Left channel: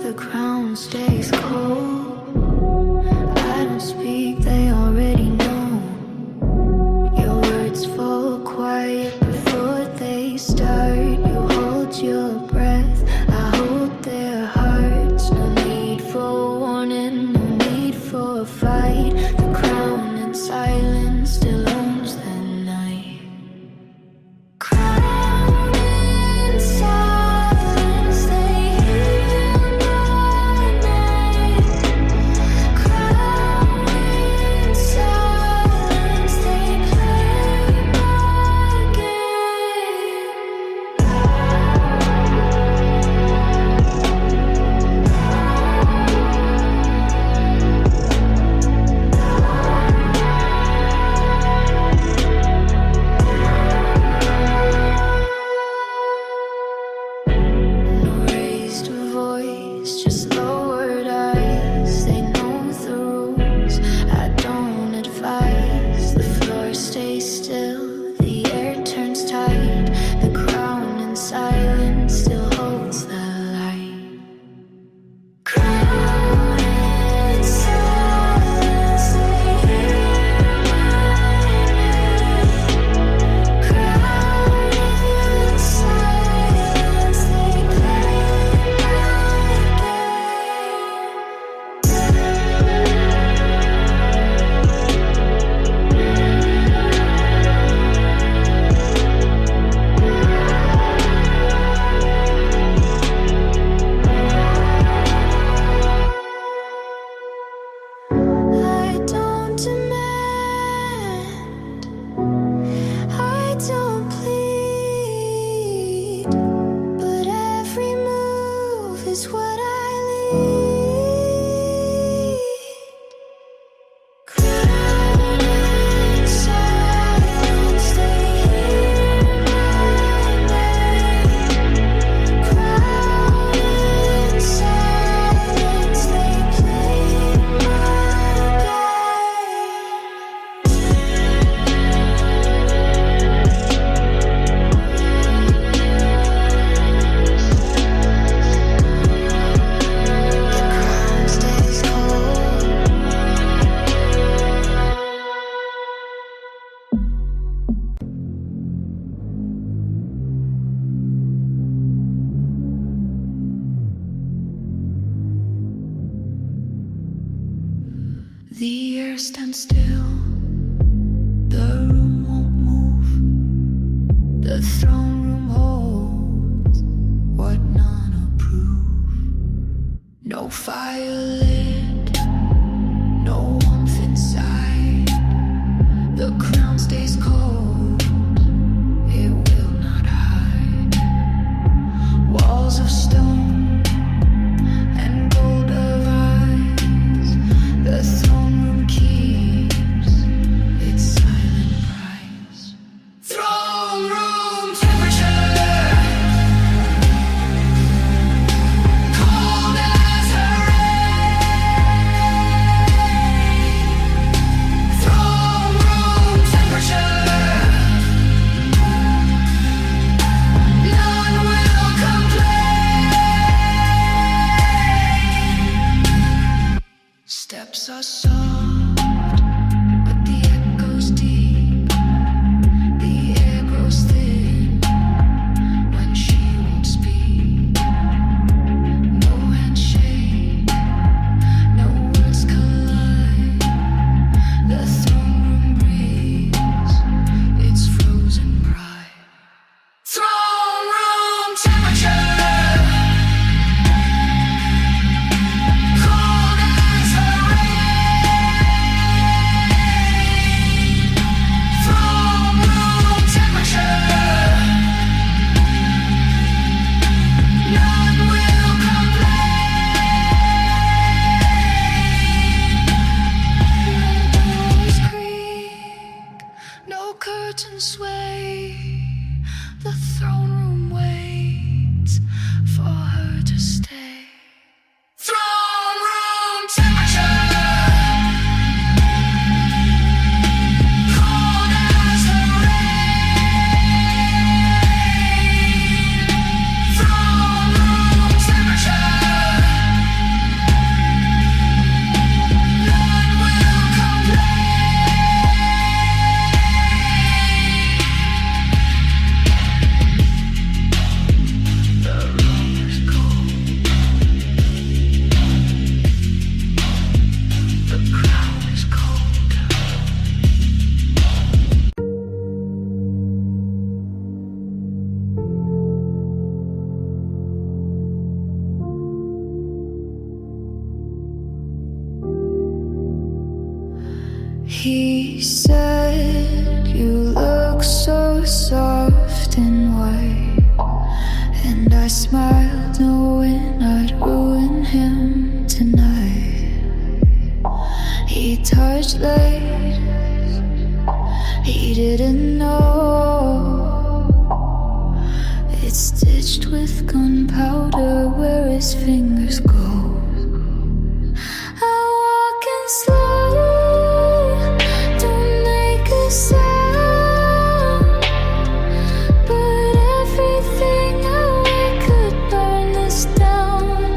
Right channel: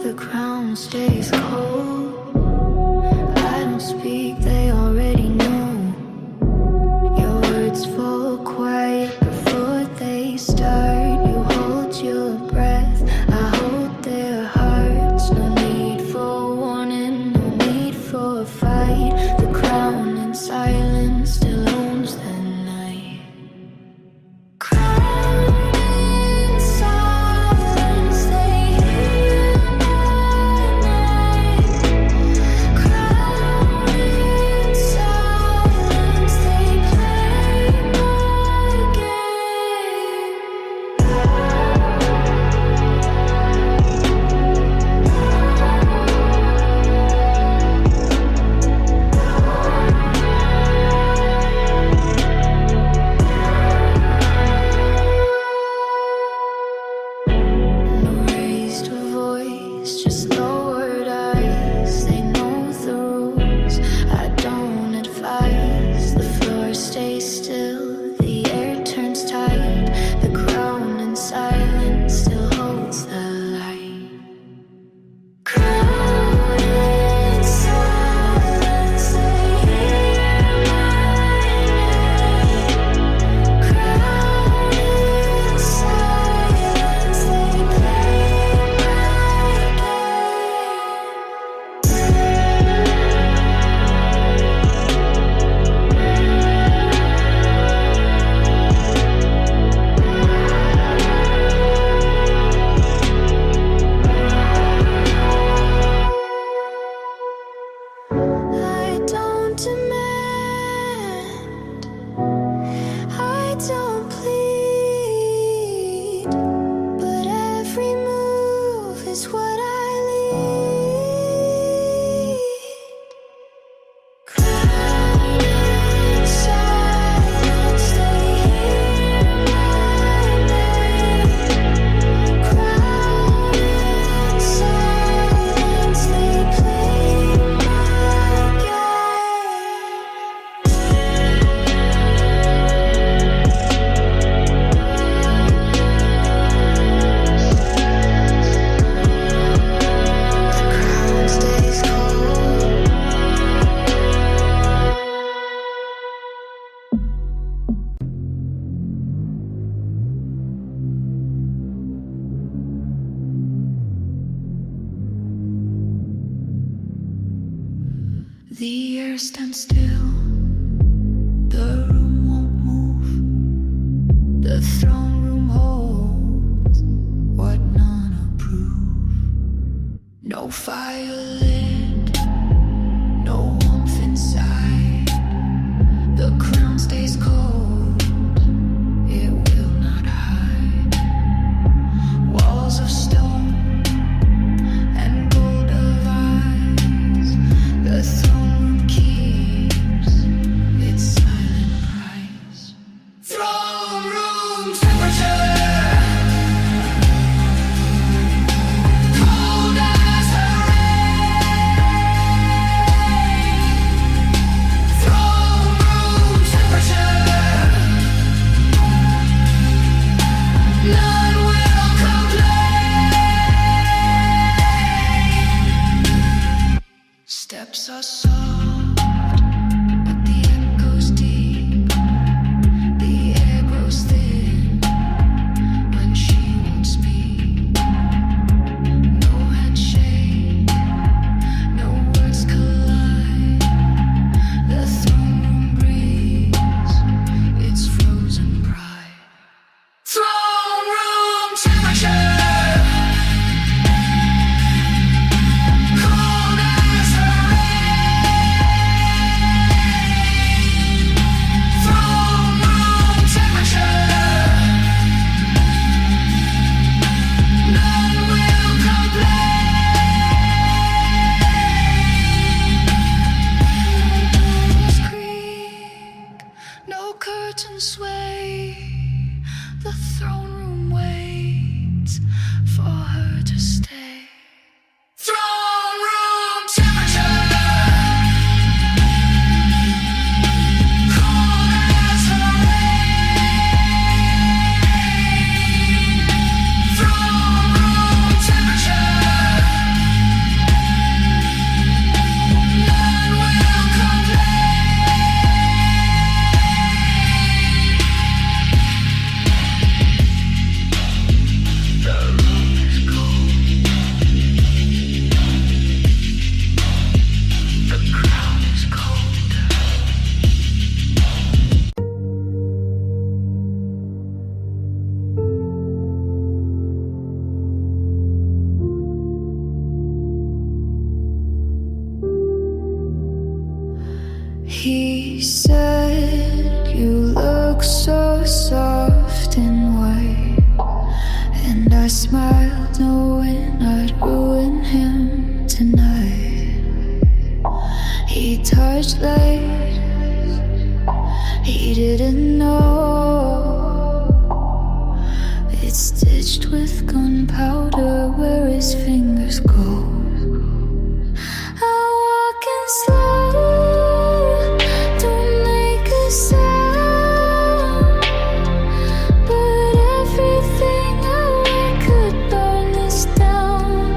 The crown stays cold. I don't speak, they already know. Your words fall quiet before they start. You hold your breath, I hold their hearts. No need for warning, no need for a fight. The crown in silence still owns the night. Crown in silence, they hear my name. Crown in silence, they play my game. No raised voice, just lowered eyes. They know the rules, I don't advise. The floor stays still, the air turns tight. The crown in silence still holds the light. Crown in silence, they hear my name. Crown in silence, they play my game. I don't demand, I don't plead, but every move is what I lead. Crown in silence, they hear my name. Crown in silence, they play my game. The crown stays cold. The air stands still, the room won't move. The throne room holds what none approve. No fire lit, no warmth inside. The crown stays cold, it will not hide. Walls of stone and gold of eyes. The throne room keeps its silent price. Throne room temperature, cold as her rain. Throne room temperature, none will complain. Steps are soft, but the echo's deep. The air grows thin when she won't speak. No handshake, no words collide. The throne room breeze, it's frozen pride. Throne room temperature, cold as her rain. Throne room temperature, none will complain. No doors creak, no curtains sway. The throne room waits for her to stay. Throne room temperature, cold as her rain. Throne room He said, you look so soft and white. And I smiled knowing I'd ruin him tonight. He touched light, he didn't know. It's stitched with gunpowder where his fingers go. I'm walking slow, don't make a sound. But everything I wear could burn this down.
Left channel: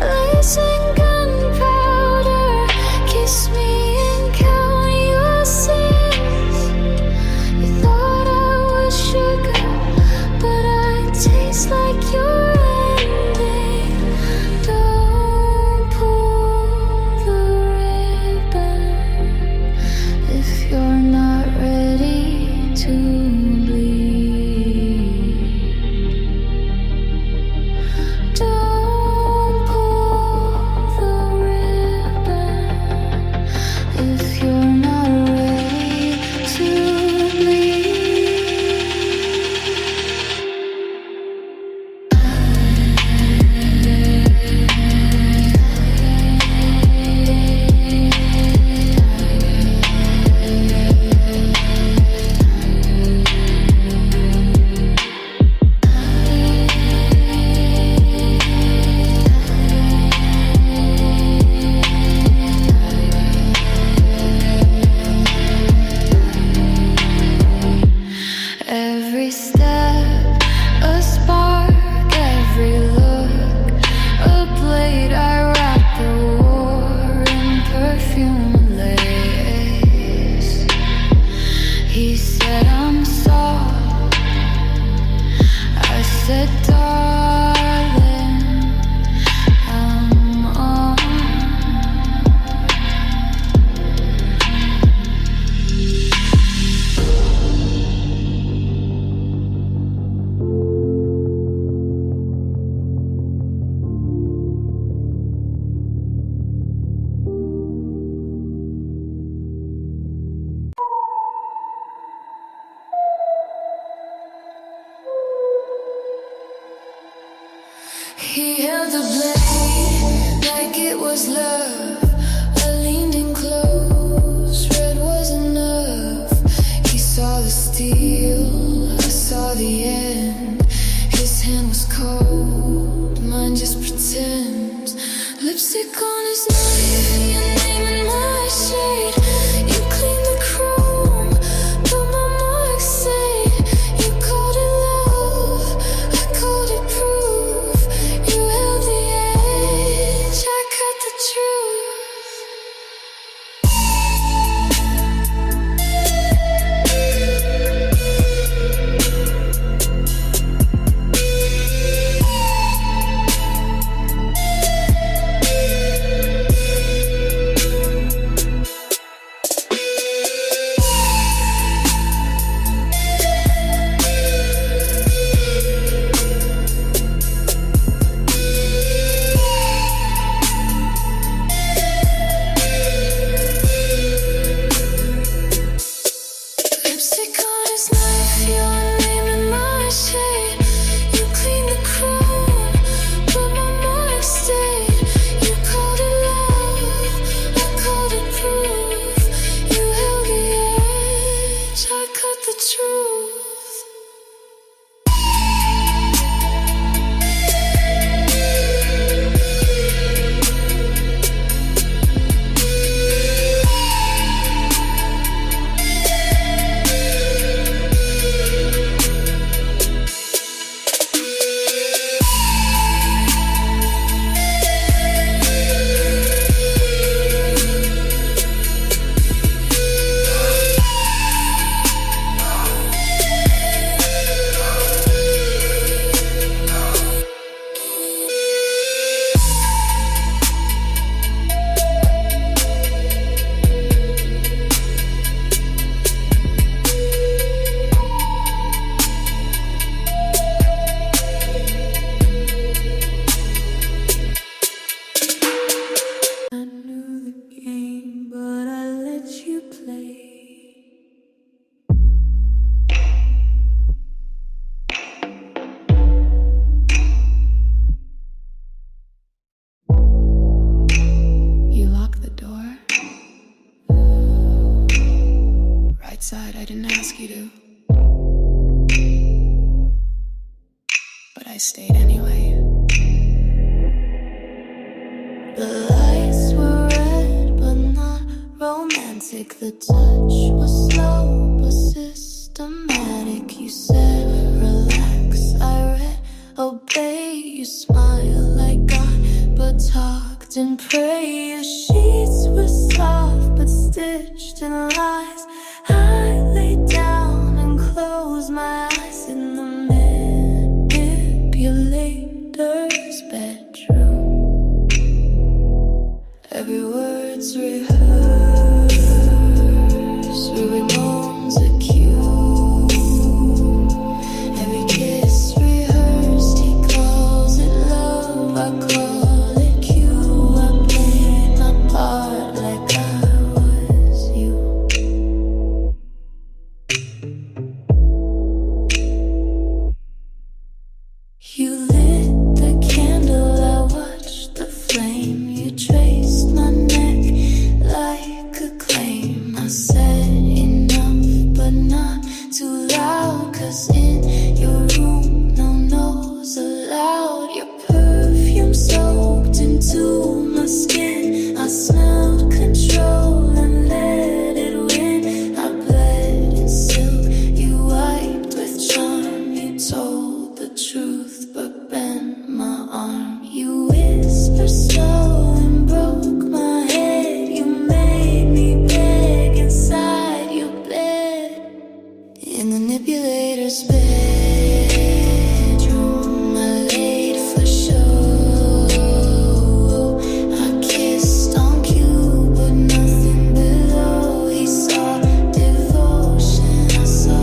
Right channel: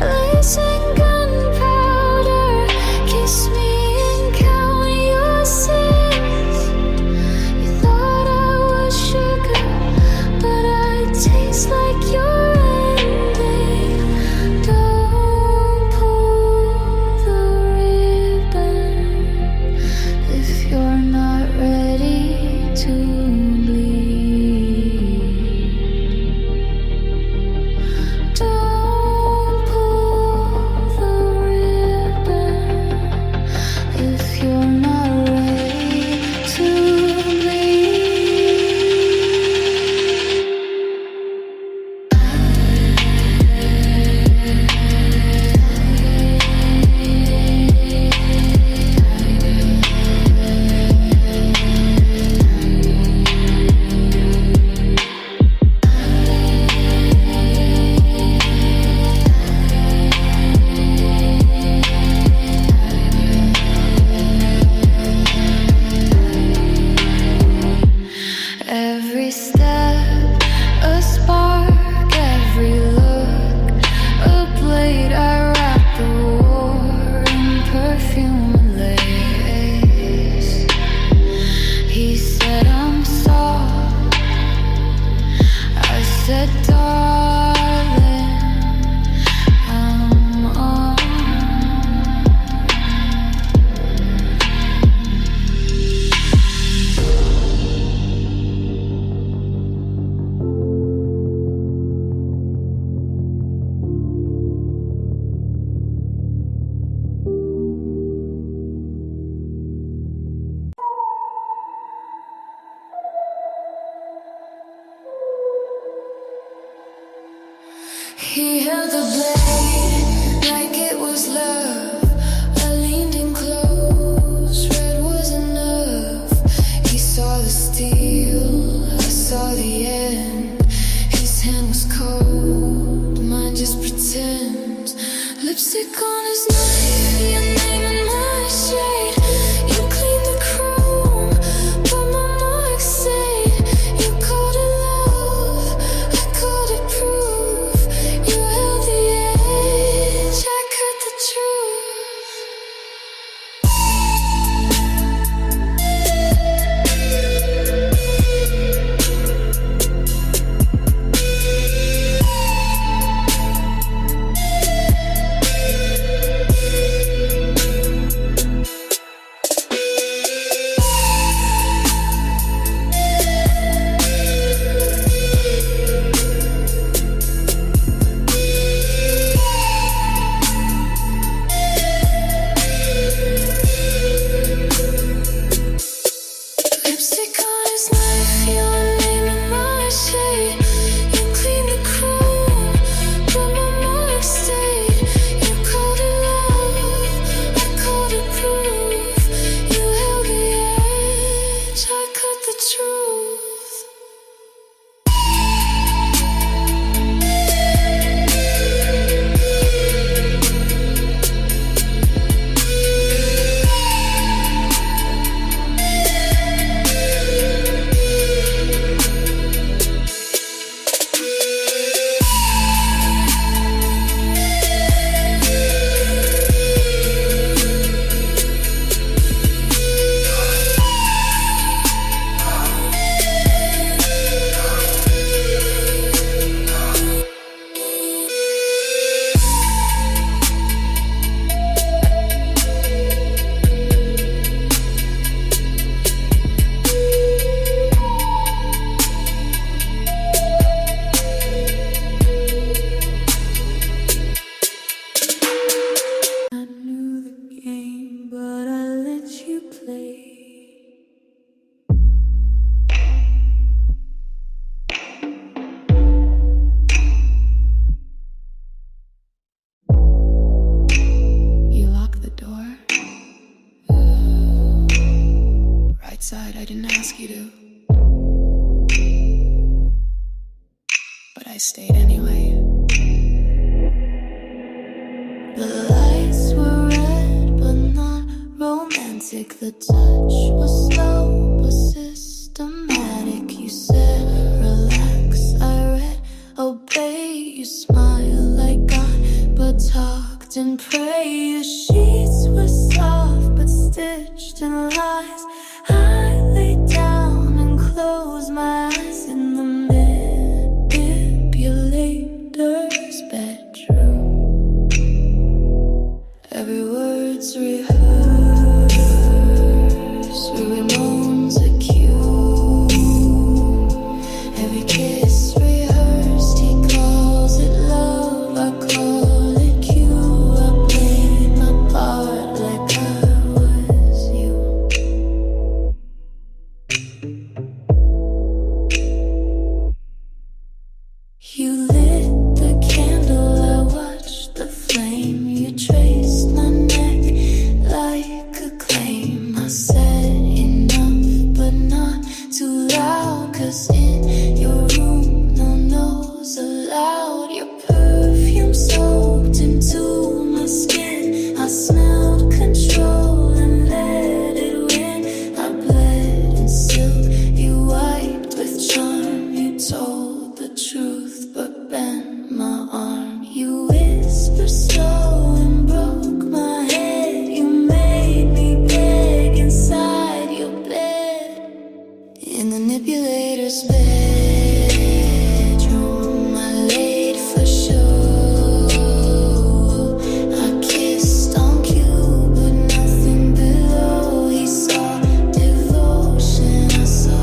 Lace and gunpowder, kiss me and count your sins. You thought I was sugar, but I taste like your ending. Don't pull the ribbon if you're not ready to bleed. Don't pull the ribbon if you're not ready to bleed. Every step, a spark, every look, a blade. I wrap the war in perfume and lace. He said I'm soft, I said darling, I'm on. He held the blade like it was love. I leaned in close, red was enough. He saw the steel, I saw the end. His hand was cold, mine just pretends. Lipstick on his knife, your name in my shade. You cleaned the chrome, but my mark stayed. You called it love, I called it proof. You held the edge, I cut the truth. let you play. You locked the door. Right side, I didn't ask you to. But I stayed anyway. The lights were red, but not romantic. The touch was slow, but systematic. You said, relax, I read, obey. You smiled like God, but talked and prayed. Your sheets were soft, but stitched in lies. I lay down and closed my eyes in the manipulator's bedroom. Every word's rehearsed, every moan's a cue. Every kiss rehearsed, he calls it love, I call it cue. I played my part like I was you. You lit the candle, I watched the flame. You traced my neck like a claim. I said enough, but not too loud. 'Cause in your room, no no's allowed. Your perfume soaked into my skin. I smelled control and let it win. I bled in silk, you wiped with charm. You told the truth, but bent my arm. You whispered slow and broke my head. You made me beg inside your bed. In the manipulator's bedroom, I laid for show. I kissed on cue, but nothing below. He saw devotion, I saw a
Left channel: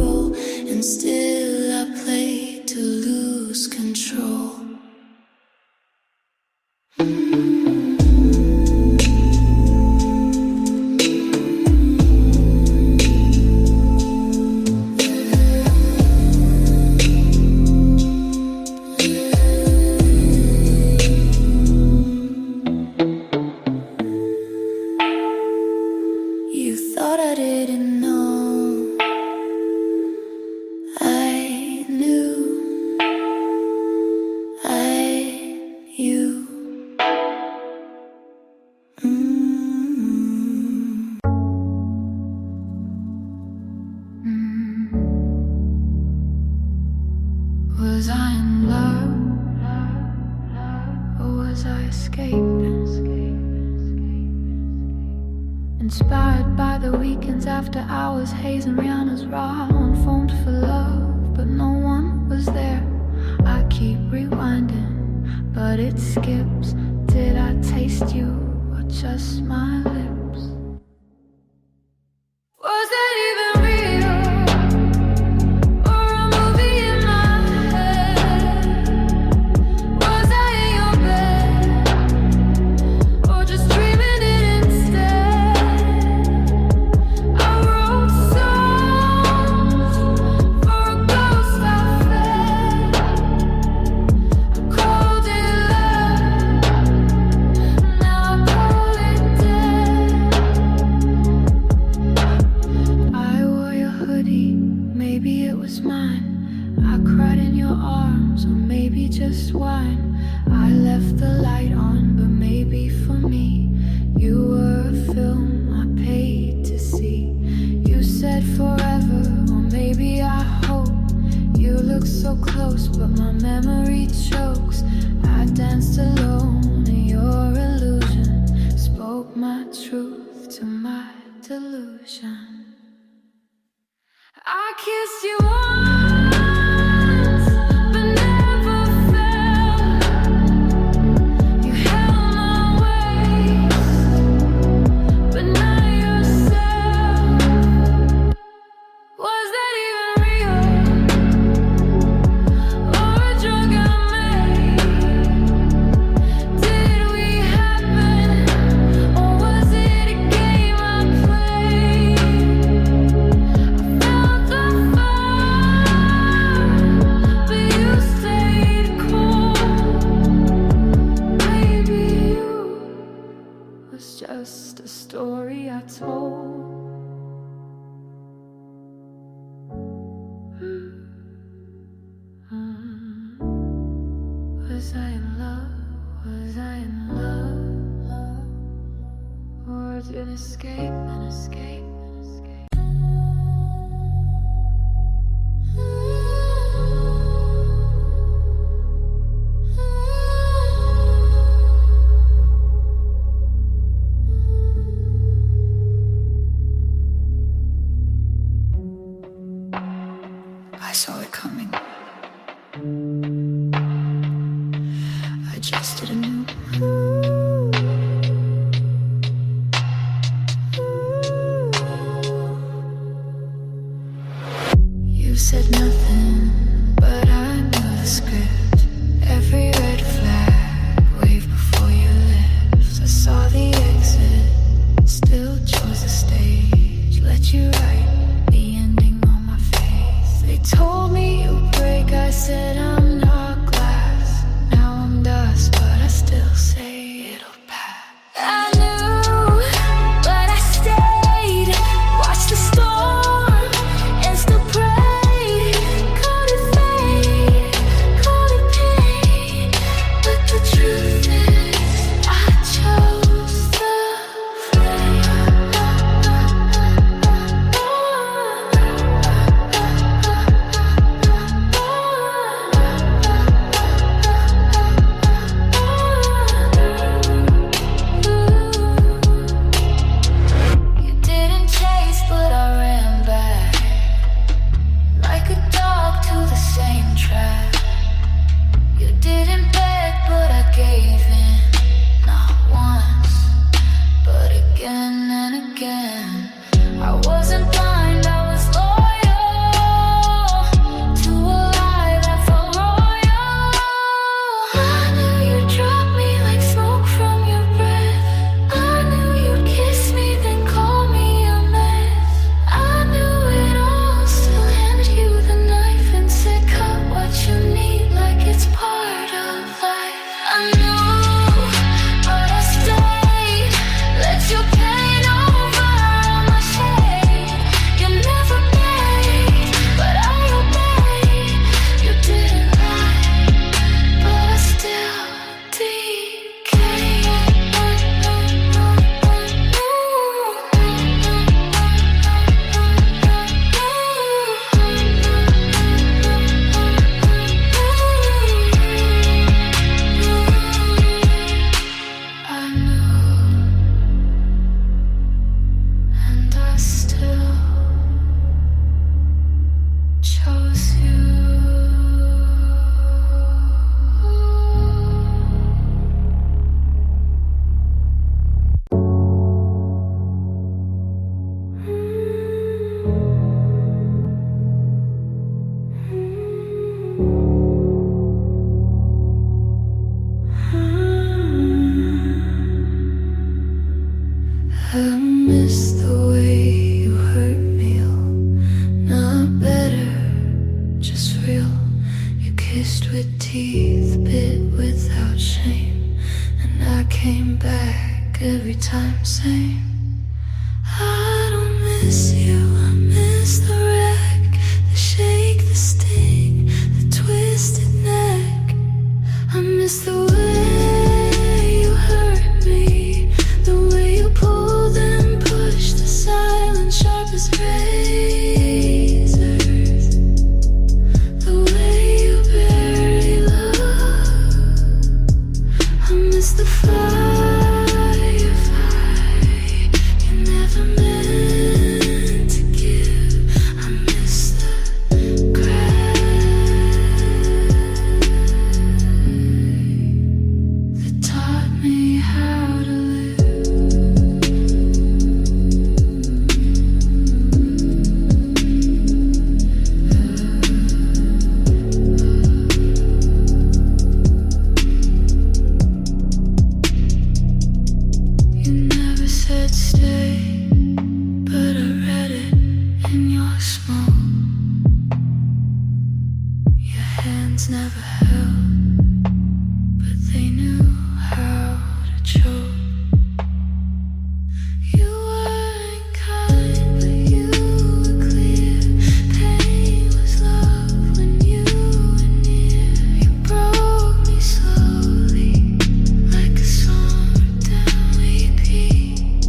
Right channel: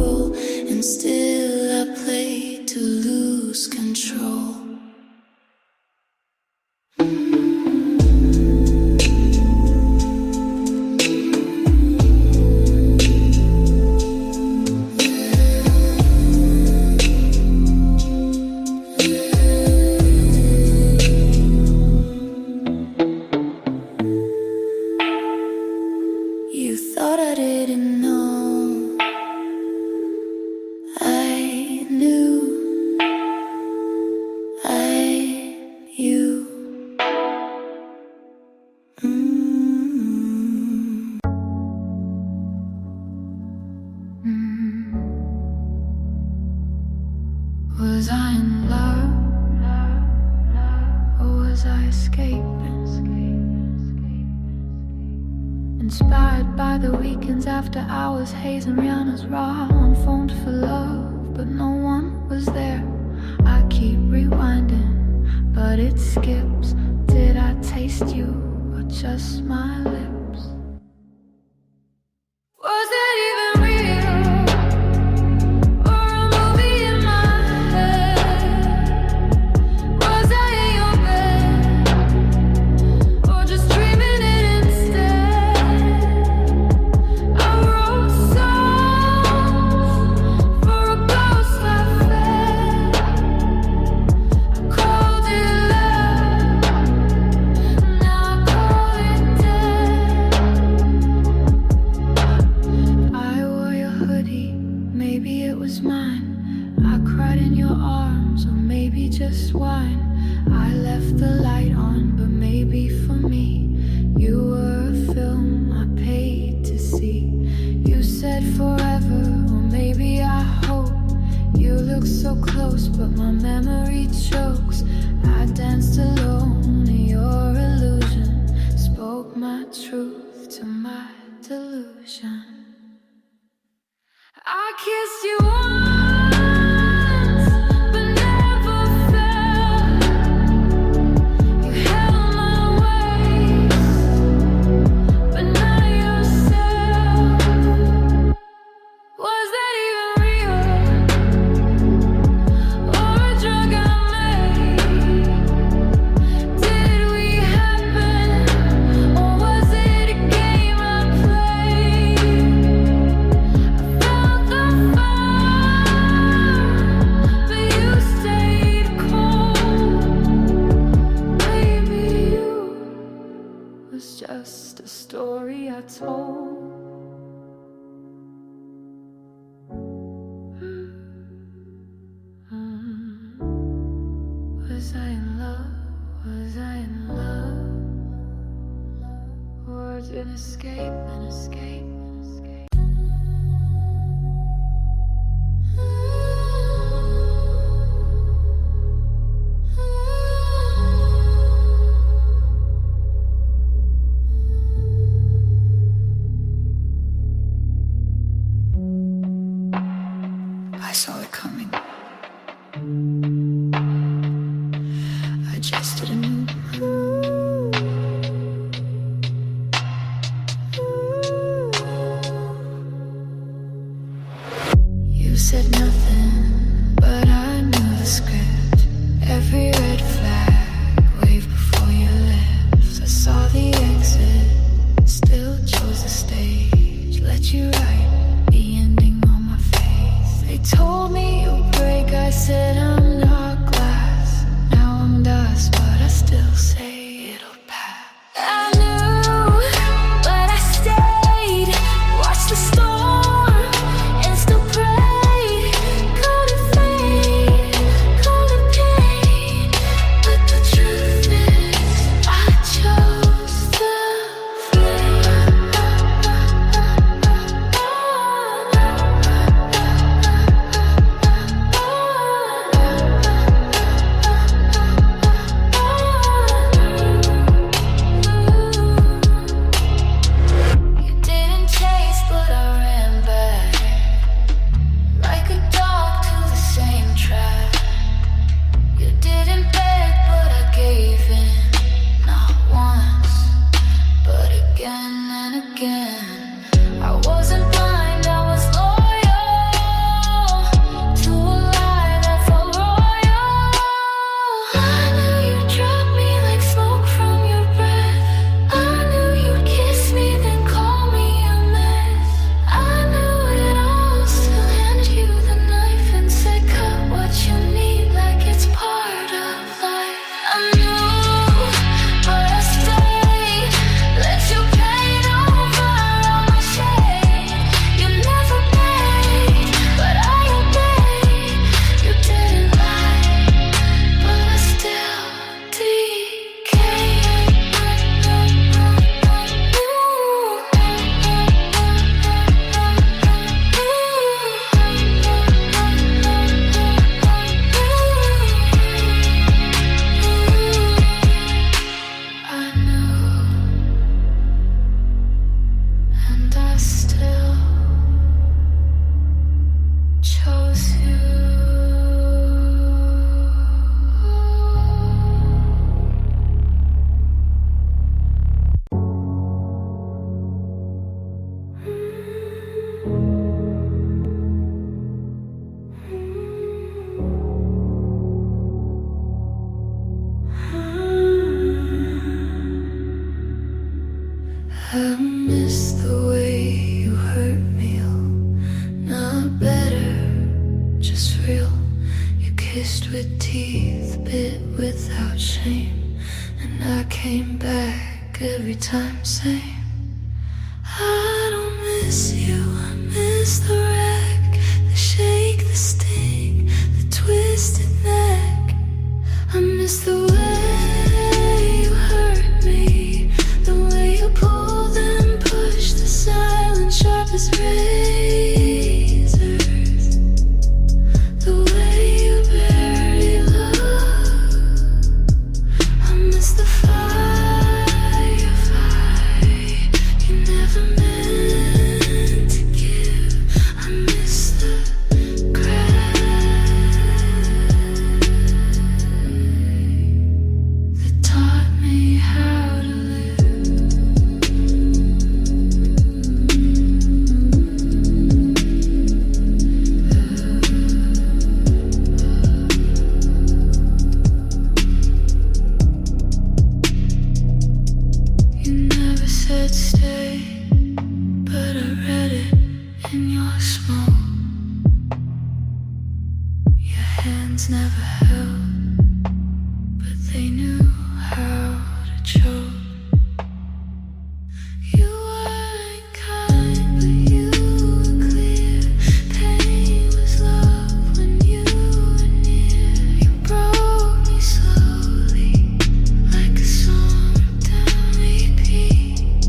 role, and still I played to lose control. You thought I didn't know. I knew. You. Was I in love, or was I escaping? Inspired by the weekends after hours, Haze and Rihanna's raw on phoned for love, but no one was there. I keep rewinding, but it skips. Did I taste you, or just my lips? Was that even real, or a movie in my head? Was I in your bed, or just dreaming it instead? I wrote songs for a ghost I fed. I called it love, now I call it dead. I wore your hoodie, maybe it was mine. I cried in your arms, or maybe just wine. I left the light on, but maybe for me you were a film I paid to see. You said forever, or maybe I hope. You look so close, but my memory chokes. I danced alone in your illusion, spoke my truth to my delusion. I kissed you once, but never felt. You held my waist, but not yourself. Was that even real, or a drug I made? Did we happen, or was it a game I played? escape, an escape. I saw it coming. I just did a new You said nothing, but I knew the script. Every red flag waved before your lips. I saw the exit, still chose the stage. Let you write the ending on my face. They told me you'll break, I said I'm not glass. Now I'm dust, but I still say it'll pass. I knew, but I stayed. Watched the storm and still prayed. Called it fate, called it pain. But the truth is, I chose the flame. You didn't chase, but I ran back like a dog to the same track. You didn't beg, but I gave in. Not once, but again and again. I wasn't blind, I was loyal to a lie that felt royal. I knew you'd drop me like smoke from your breath. I knew you'd kiss me, then call me a mess. I knew it all, still handed you the knife and said cut what you need like it's part of life. I knew, but I stayed. Let your pain over all my shame. You never begged, but I obeyed. You didn't lie, but I still decayed. I knew, and I still chose you. I miss the way you hurt me, not better, just real. You kissed with teeth, bit without shame, and I came back every time same. I don't miss you, I miss the wreck, the shake, the sting, the twisted neck. I miss the way you hurt me, the way you pulled and pushed, the silence sharp as razors, the way you barely look. I miss the firefight you never meant to give. I miss the crack that taught me how to live. You never said stay, but I read it in your smoke. Your hands never held, but they knew how to choke. You weren't kind, but you were clear. Pain was love when you were near. You broke me slowly, like a song down repeat.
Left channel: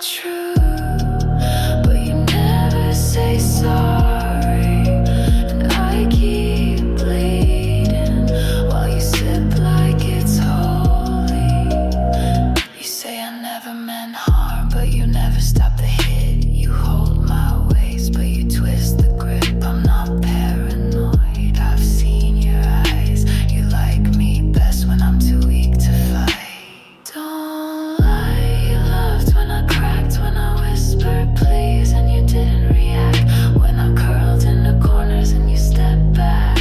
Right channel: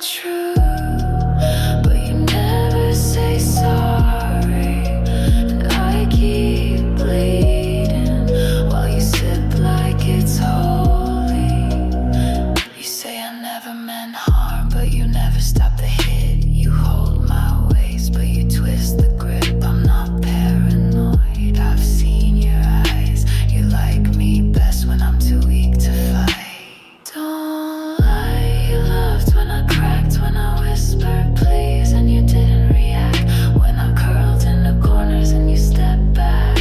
true, but you never say sorry, and I keep bleeding while you sip like it's holy. You say I never meant harm, but you never stop the hit. You hold my waist, but you twist the grip. I'm not paranoid, I've seen your eyes. You like me best when I'm too weak to fight. Don't lie, you loved when I cracked, when I whispered please and you didn't react, when I curled in the corners and you stepped back.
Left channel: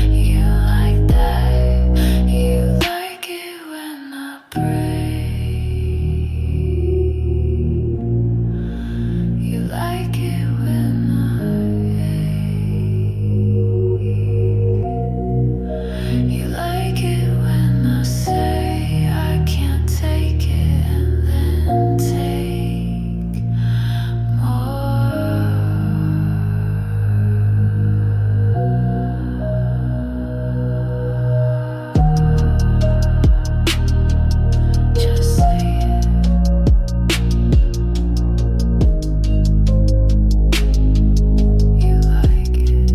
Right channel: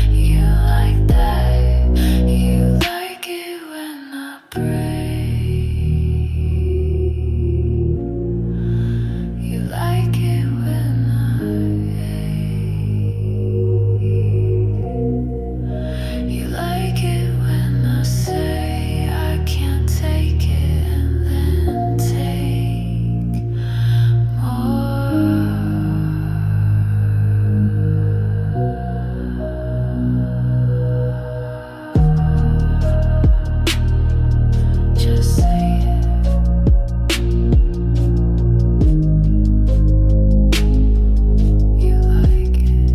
You like that, you like it when I break. You like it when you like it when I say I can't take it and then take more. Just say it. You like it.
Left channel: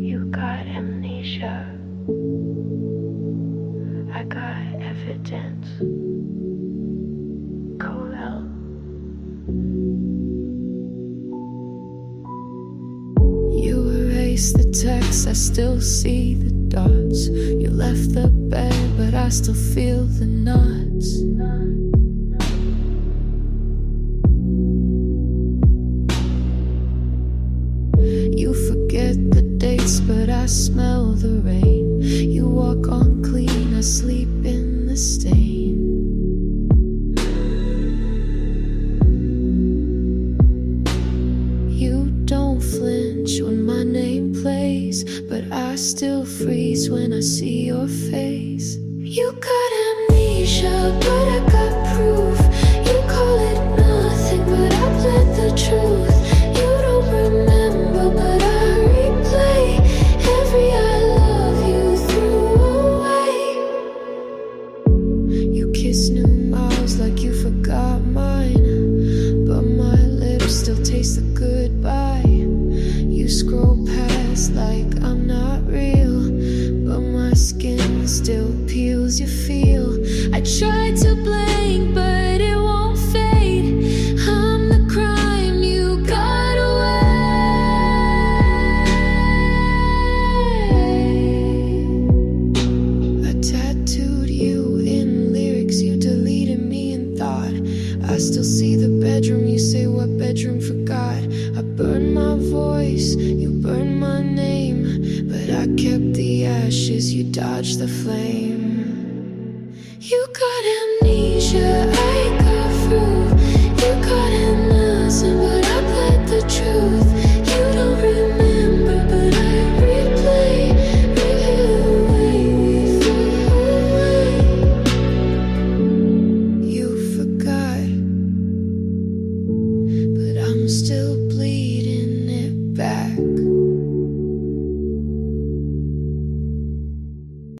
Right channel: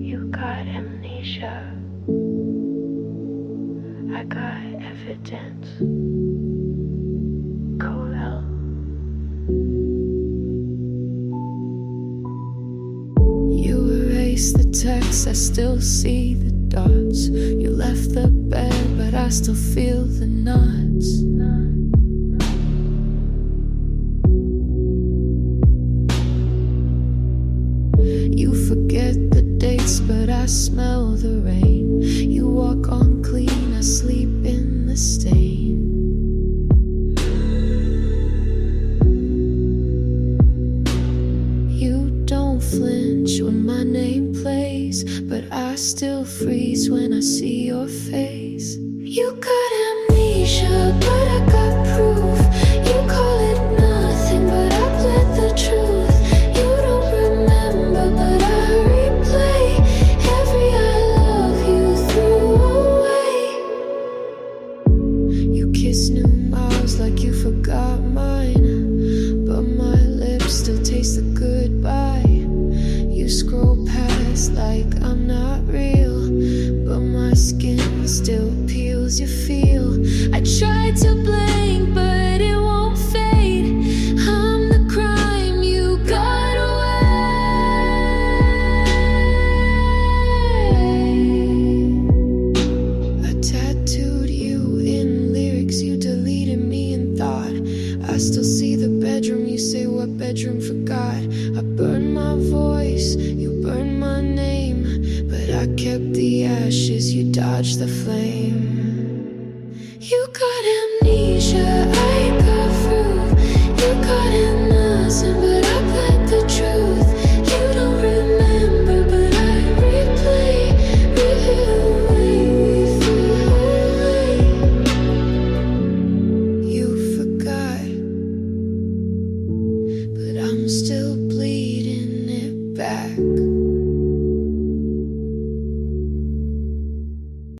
You got amnesia. I got evidence. Colel. You erased the text, I still see the dots. You left the bed, but I still feel the knots. You forget the dates, but I smell the rain. You walk on clean, I sleep in the stain. You don't flinch when my name plays, but I still freeze when I see your face. You got amnesia, but I got proof. You call it nothing, but I bled the truth. You don't remember, but I replay every I love you threw away. You kiss new mouths like you forgot mine, but my lips still taste the goodbye. You scroll past like I'm not real, but my skin still peels. You feel I tried to blink, but it won't fade. I'm the crime you got away. I tattooed you in lyrics, you deleted me in thought. I still see the bedroom, you say what bedroom forgot. I burned my voice, you burned my name, but I kept the ashes, you dodged the flame. You got amnesia, I got proof. You got innocent, but I bled the truth. You don't remember, but I replay the way we threw away. You forgot, but I'm still bleeding it back.